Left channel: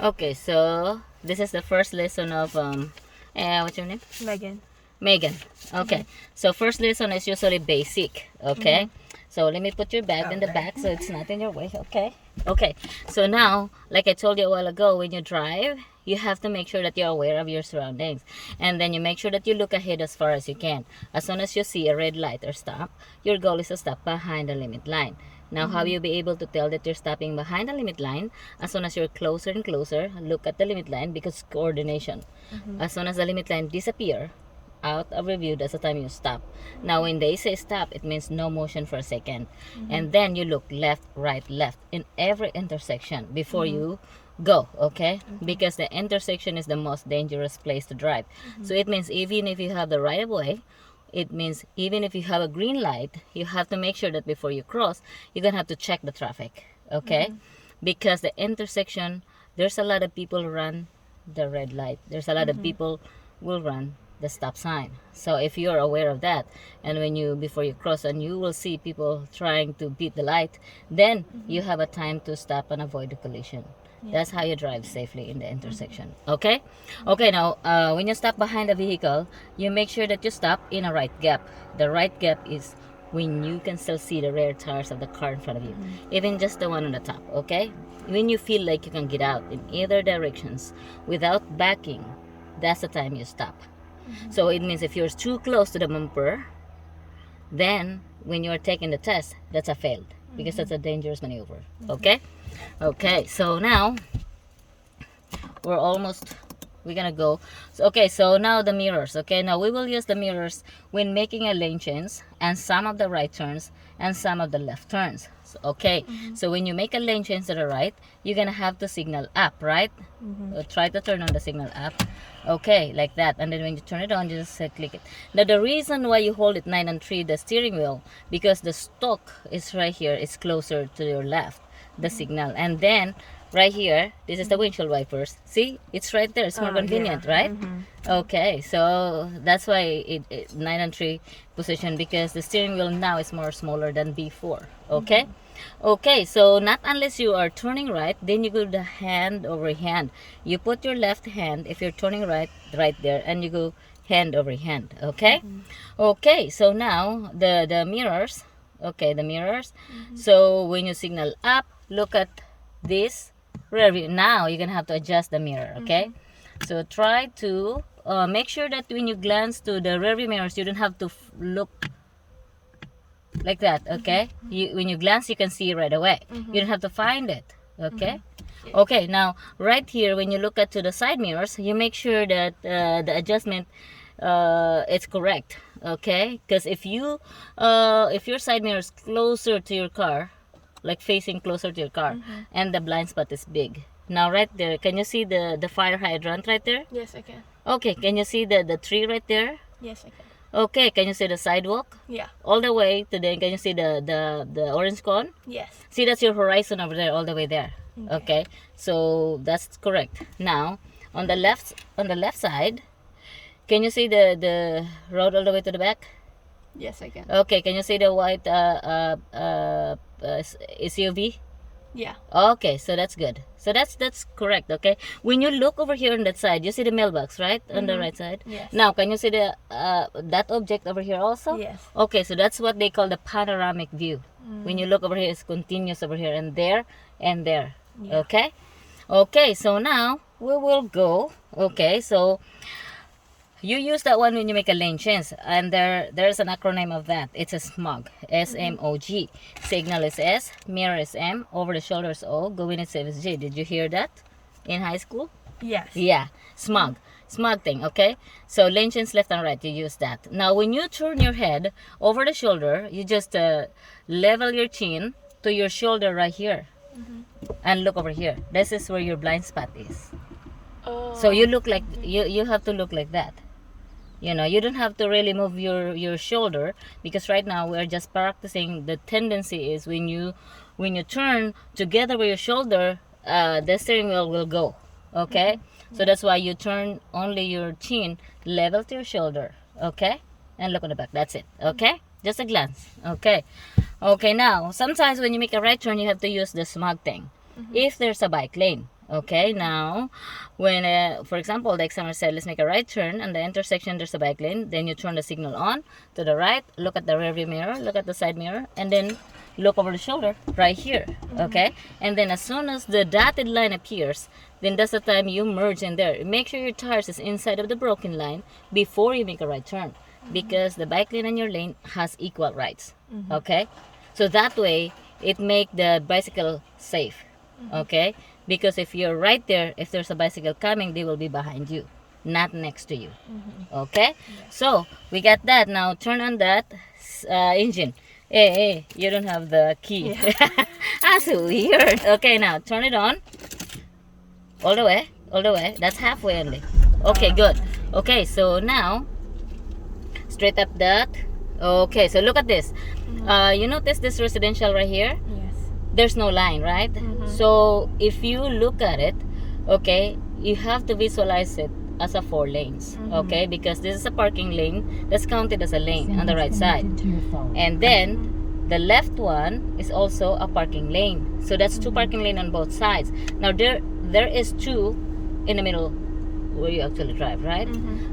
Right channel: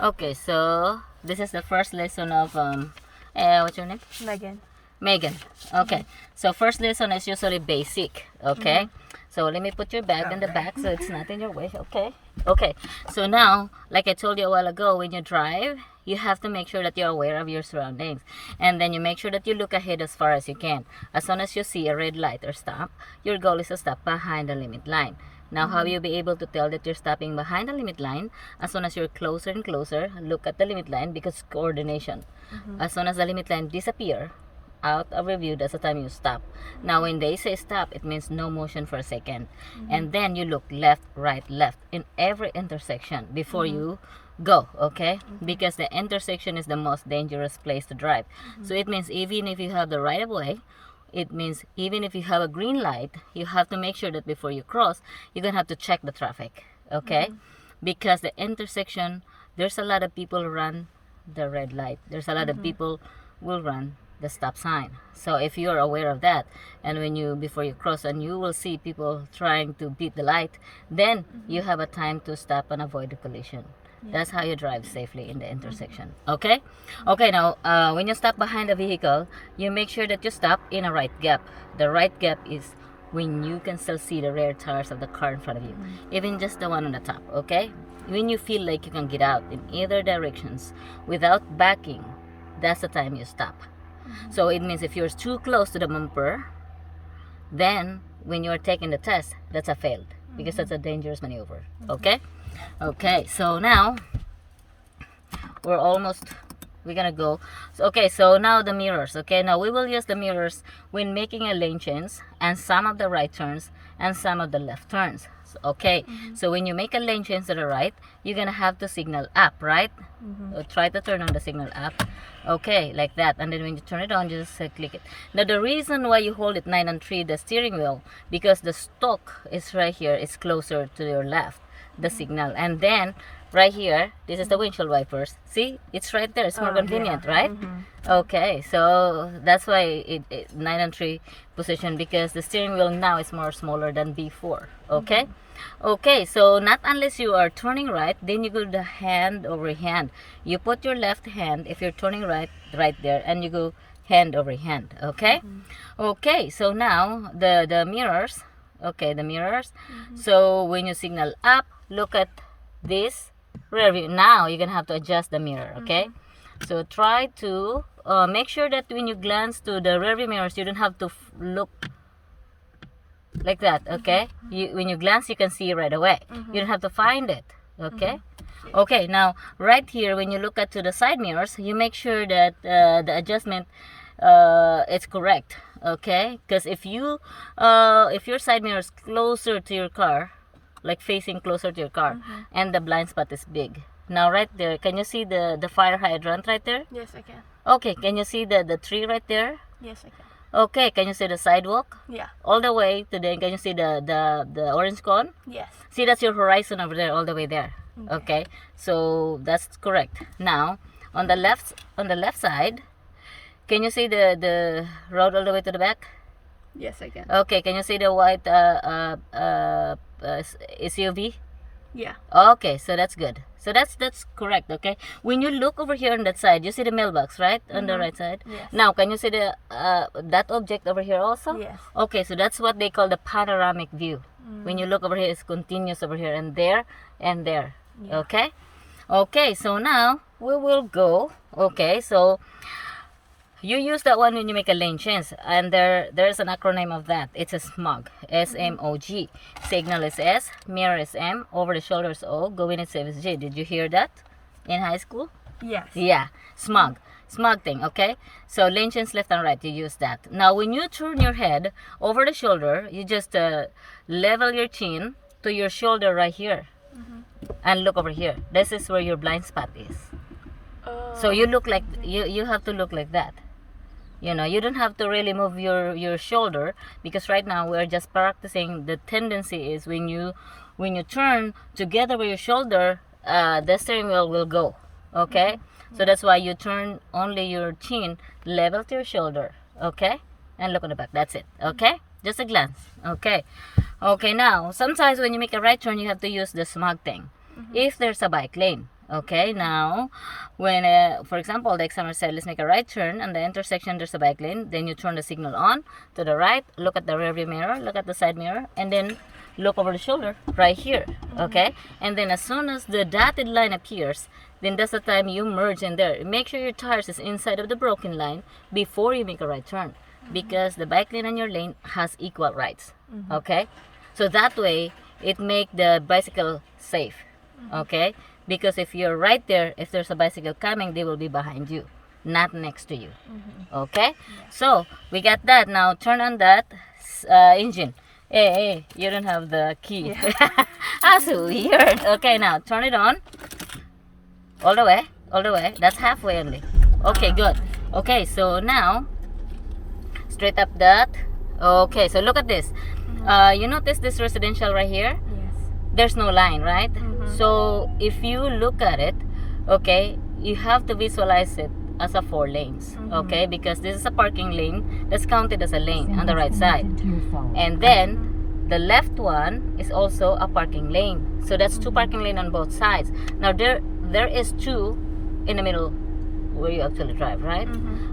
Okay, so this is the first lesson of what's your name? Megan. Megan. Okay, so first lesson is usually basic. Okay, so let me put your bag in the back so it's not in your way. Okay. Okay, so now, like I told you a while ago, when you drive, you have to make sure that you're aware of your surroundings, and then you make sure that you look ahead as far as you can. As soon as you see a red light or stop, your goal is to stop behind the limit line. Now, how you be able to tell that you're stopping behind the limit line? As soon as you're closer and closer, look at the limit line because coordination. As soon as the limit line disappear out of review, that's the time you stop. Now, when they say stop, it means no motion for a second. And then you look left, right, left in every intersection before you go, okay? Because the intersection is the most dangerous place to drive. So it means even if you have the right of way, it means even if you have a green light, you have to make sure that before you cross, you're gonna have to check the traffic, okay? Because the intersection, there's a lot of people run the red light. There's a lot of people will run the stop sign. So if you're aware of that, and when you before you cross and you will see people trying to beat the light, then you have a time to stop and avoid the collision. That's how you drive safely in the intersection. Okay? Okay, now when you stop behind a vehicle, you make sure that you stop in a right gap. The right gap is when you can still see the rear tires of the car in front of you, even just the one on the top. Okay? When you feel like you can get out in either directions without backing, that's the time you stop. So it means if you're too close to the bumper, then when you're taking the test, that's a failed because that's a dangerous maneuver. Okay? Okay, so now we're gonna go. So, okay, so now the mirrors. Okay, now we will use the mirrors when making a lane change and some of the right turns and some of the left turns. So, okay, so when you make a lane change to the right, you're gonna have to signal up, right? Try to turn on the signal up. Okay, like that, and then when you turn it on, you just click it. Now the reason why you hold it 9 and 3, the steering wheel, because the stalk is right here, it's closer to your left, the signal, and then right here, this is the windshield wipers. See, it's right there. It's more convenient, right? Okay, so that's why it 9 and 3 position, because the steering wheel now is more smaller than before. Okay. Okay, so not unless you are turning right, then you go the hand over hand. You put your left hand if you're turning right there, and you go hand over hand. Okay. Okay, so now the mirrors. Okay, the mirrors. So when you signal up, look at this rear view. Now you're gonna have to adjust the mirror. Okay. So try to make sure that when you glance to the rear view mirrors, you don't have to look like that. Okay. When you glance, you can see right away. You don't have to find it. Okay. Okay, now right here, when you look at to the side mirrors, you make sure that the adjustment it's correct. Okay, because if your side mirror is closer to your car, like facing closer to your car, and the blind spot is big, now right there, can you see the fire hydrant right there? Yes, I can. Okay, can you see the tree right there? Yes, I can. Okay, can you see the sidewalk? Yeah. All the way to the, can you see the orange cone? Yes. See, that's your horizon over there, all the way there. Okay, so that's correct. Now on the left side, can you see the road all the way to the back? Yes, I can. Okay, can you see the white SUV? Yeah. Okay, so that's good. So that's correct. Okay, when you look over here on that side, you see the mailbox, right? On the right side. Yes. Now, can you see the that object over here also? Yes. Okay, so that's what they call the panoramic view. When you look over here, it's continuous over here and there and there. Yeah. Okay. Okay, so now we will go. Okay, so you use that one when you make a lane change, and there's an acronym of that. It's a SMOG, SMOG. Signal is S, mirror is M, over the shoulder is O, going is safe is J. Did you hear that in high school? Yes. Yeah, SMOG. SMOG thing, okay? So lane change left and right, you use that. Now when you turn your head over the shoulder, you just level your chin to your shoulder right here. And look over here. This is where your blind spot is. Oh. So you look like you have to look like that. You know, you don't have to really move your shoulder, because right now we're just practicing. The tendency is when you turn together with your shoulder, the steering wheel will go. Okay, so that's why you turn only your chin level to your shoulder. Okay, and look on the back. That's it. Okay, just a glance. Okay. Okay, now sometimes when you make a right turn, you have to use the smog thing. If there's a bike lane, Okay, now, when, for example, the examiner said, let's make a right turn, and the intersection, there's a bike lane, then you turn the signal on to the right, look at the rearview mirror, look at the side mirror, and then look over the shoulder right here, okay? And then as soon as the dotted line appears, then that's the time you merge in there. Make sure your tires is inside of the broken line before you make a right turn, because the bike lane and your lane has equal rights, okay? So that way, it make the bicycle safe, okay? Because if you're right there, if there's a bicycle coming, they will be behind you, not next to you. Okay? So, we got that. Now, turn on that engine. Hey, you don't have the key. That's weird. Okay, now, turn it on. All the way. All the way. That's halfway only. Okay, good. Okay, so now, straight up that. Okay, so look at this. You notice this residential right here? Yes. There's no line, right? So if you look at it, okay, you have to visualize it as a 4 lanes, okay, because this is a parking lane that's counted as a lane on the right side, and then the left one is also a parking lane, so that's 2 parking lane on both sides. Now there is 2 in the middle where you actually drive, right?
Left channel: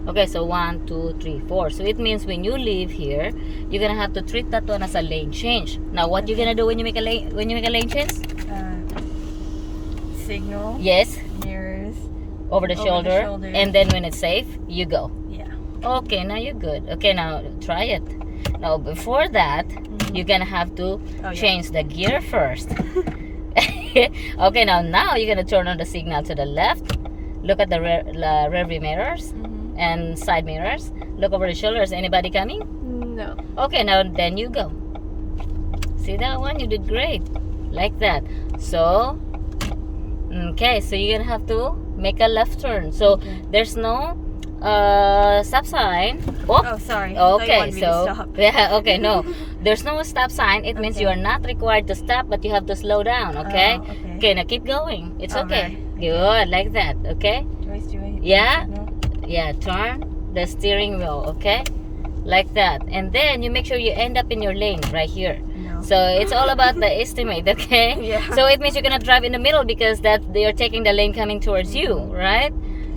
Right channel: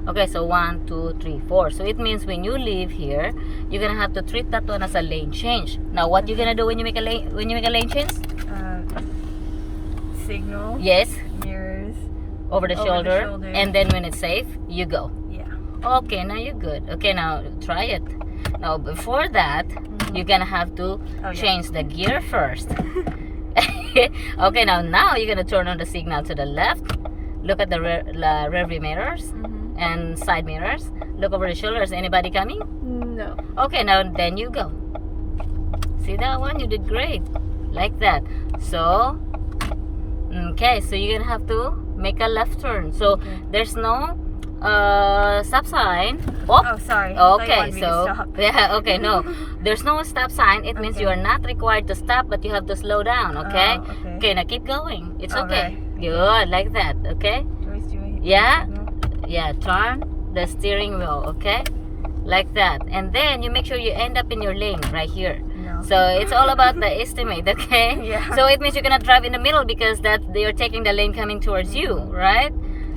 Okay, so 1, 2, 3, 4. So it means when you leave here, you're gonna have to treat that one as a lane change. Now, what you're gonna do when you make a lane change? Signal. Yes, Mirrors. over the shoulder, and then when it's safe, you go. Yeah. Okay, now you're good. Okay, now try it. Now before that, you're gonna have to change the gear first. Okay, now you're gonna turn on the signal to the left. Look at the rearview mirrors and side mirrors. Look over the shoulders. Anybody coming? No. Okay, now then you go. See that one? You did great. Like that. So, okay, so you're gonna have to make a left turn. So there's no stop sign. Oh, sorry. Okay, so so stop. yeah, okay, no, there's no stop sign. It means you are not required to stop, but you have to slow down. Okay. Okay, now keep going. It's okay. Good, like that. Okay. Yeah. Yeah. Turn the steering wheel. Okay. Like that, and then you make sure you end up in your lane right here. So it's all about the estimate, okay? Yeah. So it means you're gonna drive in the middle because that you're taking the lane coming towards you, right?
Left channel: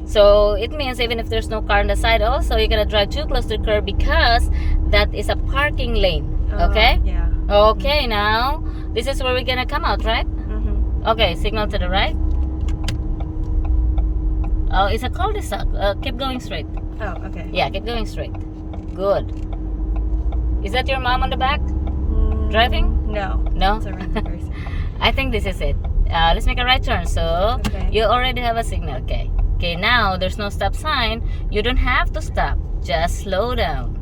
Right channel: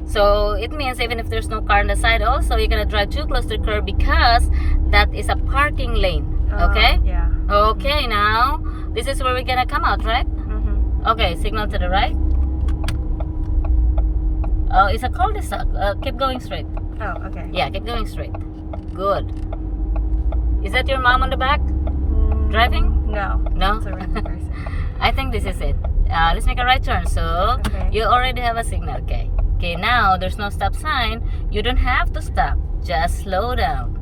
So it means even if there's no car on the side, also you're gonna drive too close to the curb because that is a parking lane, okay? Yeah. Okay, now this is where we're gonna come out, right? Okay, signal to the right. Oh, it's a cul-de-sac. Keep going straight. Oh, okay. Yeah, keep going straight. Good. Is that your mom on the back? Driving? No. No? It's a random person. I think this is it. Let's make a right turn. So, you already have a signal. Okay. Okay, now there's no stop sign. You don't have to stop. Just slow down.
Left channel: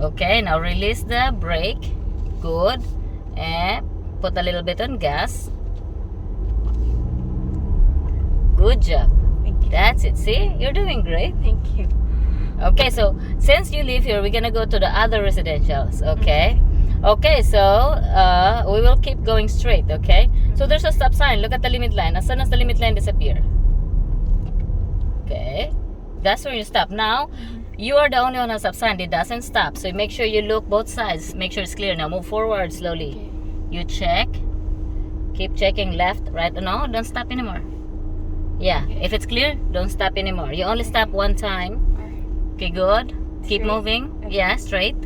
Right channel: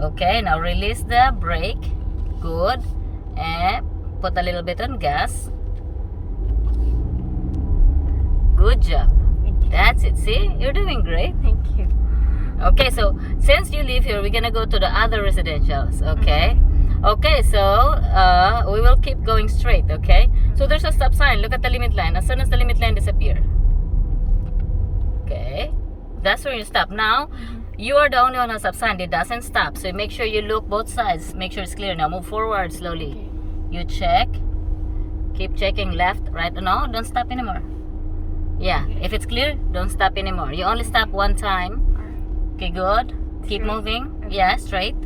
Okay, now release the brake. Good. And put a little bit on gas. Good job. Thank you. That's it. See? You're doing great. Thank you. Okay, so since you live here, we're gonna go to the other residentials, okay? Okay, so we will keep going straight, okay? So there's a stop sign. Look at the limit line. As soon as the limit line disappears, okay, that's where you stop. Now, you are the only one on stop sign. It doesn't stop. So make sure you look both sides. Make sure it's clear. Now move forward slowly. You check. Keep checking left, right. No, don't stop anymore. Yeah, if it's clear, don't stop anymore. You only stop one time. Okay, good. Keep moving. Yeah, straight.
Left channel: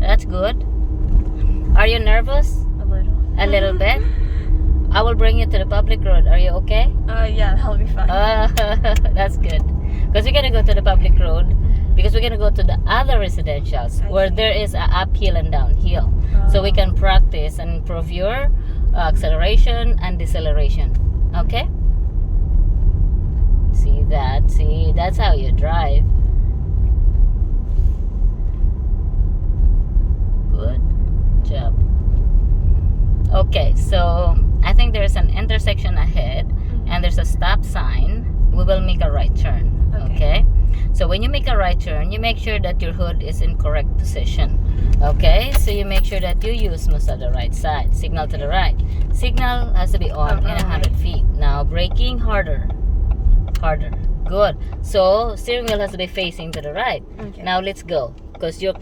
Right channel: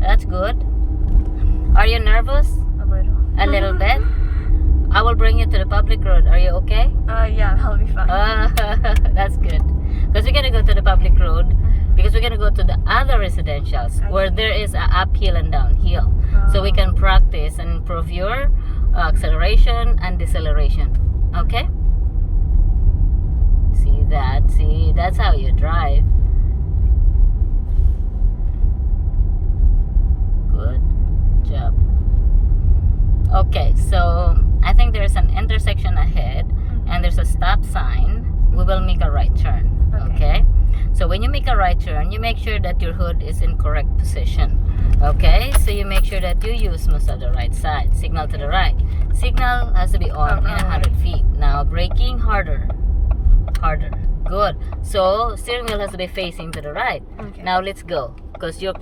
That's good. Are you nervous? A little. A little bit. I will bring you to the public road. Are you okay? Yeah, that'll be fine. That's good. Because we're gonna go to the public road. Because we're gonna go to the other residentials where there is a uphill and downhill. So we can practice and improve your acceleration and deceleration. Okay? See that? See, that's how you drive. Good job. Okay, so I think there's an intersection ahead and there's a stop sign. We will make a right turn. Okay? So when you make a right turn, you make sure that your hood is in correct position. Okay? So you make sure that you use most of the right side. Signal to the right. Signal has to be on in 100 feet. Now braking harder. Harder. Good. So steering wheel has to be facing to the right. Now let's go. Because you're